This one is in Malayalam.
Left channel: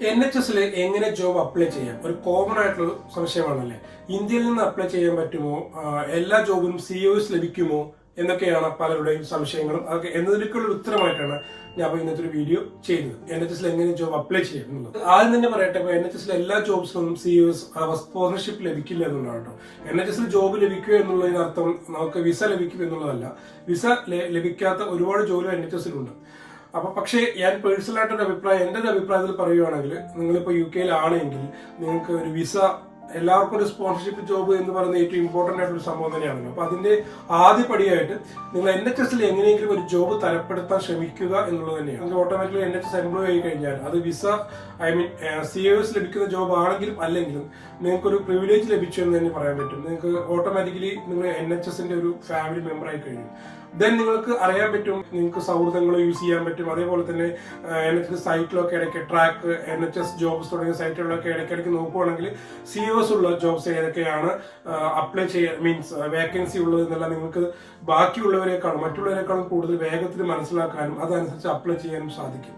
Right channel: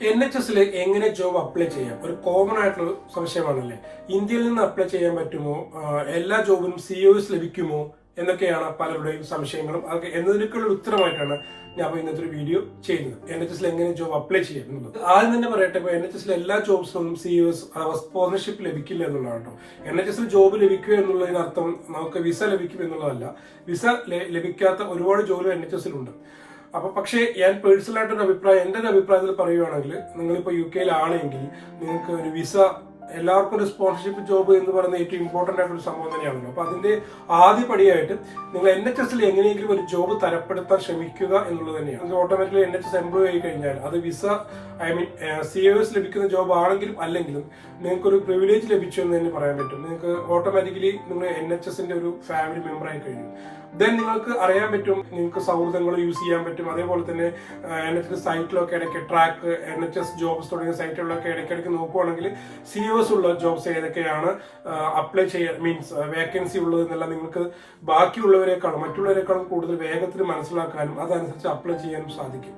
NHS എങ്ങനെ ജോബ് അപ്ലൈ ചെയ്യാം? ഒരു കോമൺ ആയിട്ടുള്ള സംശയമാണല്ലേ. ഇന്ത്യയിൽ നിന്ന് അപ്ലൈ ചെയ്യാൻ പറ്റുമോ? എല്ലാ ജോബിനും COS ലഭിക്കുമോ എന്നൊക്കെയാണ് പലരുടെയും സംശയങ്ങളും. അതൊക്കെ എന്നതിലേക്കുള്ള ഉത്തരമായിട്ടാണ് ഞാൻ ഇന്നത്തെ ഒരു വീഡിയോ ചെയ്യുന്നത്. NHS എങ്ങനെ ജോബ് അപ്ലൈ ചെയ്യാം എന്നുള്ളത്. ആദ്യം തന്നെ പറയട്ടെ, NHS എല്ലാ ജോബ്സിനും COS സ്പോൺസർഷിപ്പ് ലഭിക്കില്ല എന്നുള്ളതാണ് കേട്ടോ. NHS ജോബ് ലഭിക്കുക എന്നുള്ളതിനർത്ഥം നമുക്ക് വിസ ലഭിക്കും എന്നുള്ളതല്ല. വിസ ലഭിക്കാത്ത ഒരുപാട് ജോലി NHS അപ്പൊ പക്ഷേ ഞാൻ പേഴ്സണലായിട്ടൊരു അഭിപ്രായം, എന്റെ ഒരു അഭിപ്രായത്തിൽ പറയുകയാണെങ്കിൽ, നിങ്ങളിപ്പോ UK ആണെങ്കിൽ നിങ്ങൾക്ക് ഒരു വിസ, എല്ലാവർക്കും ഒരു സ്പോൺസർഷിപ്പ് ജോബ് എന്ന് പറയുന്നത് ഏറ്റവും ഇമ്പോർട്ടന്റ് ആയിട്ടൊരു സംഭവം തന്നെയാണല്ലോ. അപ്പൊ അതിന്റെ ആദ്യ പടിയായിട്ട് നിങ്ങൾ NHS എങ്ങനെയെങ്കിലും ഒരു ജോബ് തരപ്പെടുത്താൻ ശ്രമിക്കുക എന്നുള്ളത് തന്നെയാണ്. ഓട്ടോമാറ്റിക്കലി NHS എംപ്ലോയി ആയി കഴിഞ്ഞാൽ അത് വിസ COS ലഭിക്കുന്ന ജോബ് ആണെങ്കിലും അല്ലെങ്കിലും നിങ്ങൾക്കൊരു പ്രിവിലേജ് ലഭിച്ചു എന്ന് തന്നെ പറയാൻ പറ്റും. നിങ്ങൾക്ക് ഓട്ടോമാറ്റിക്കലി നിങ്ങൾ NHS ഒരു ഫാമിലി മെമ്പർ ആയി കഴിഞ്ഞു. ദെൻ നിങ്ങൾക്ക് അറിയാൻ പറ്റും, നിങ്ങൾക്ക് സൗഹൃദങ്ങൾ യൂസ് ചെയ്യാൻ പറ്റും. അതേപോലെ തന്നെ NHS സൈറ്റിലൊക്കെ ഇടയ്ക്ക് ട്രാക്ക്, NHS ജോബ്സ് തുടങ്ങിയ സൈറ്റുകളിലൊക്കെ ഇടയ്ക്കിടയ്ക്ക് നോക്കുകയാണെങ്കിൽ COS ഉള്ള ജോബ്സ് ഏതൊക്കെയാണ് അപ്ലൈ ചെയ്യാൻ, മീൻസ് വേക്കൻസി ഉള്ളത് എന്നെല്ലാം നിങ്ങൾക്ക് ബാക്കിയുള്ളവരെക്കാളും മറ്റുള്ളവരെക്കാളും കൂടുതൽ വേഗത്തിൽ മനസ്സിലാക്കാനും അതനുസരിച്ച് അപ്ലൈ ചെയ്യാനും സാധിക്കും.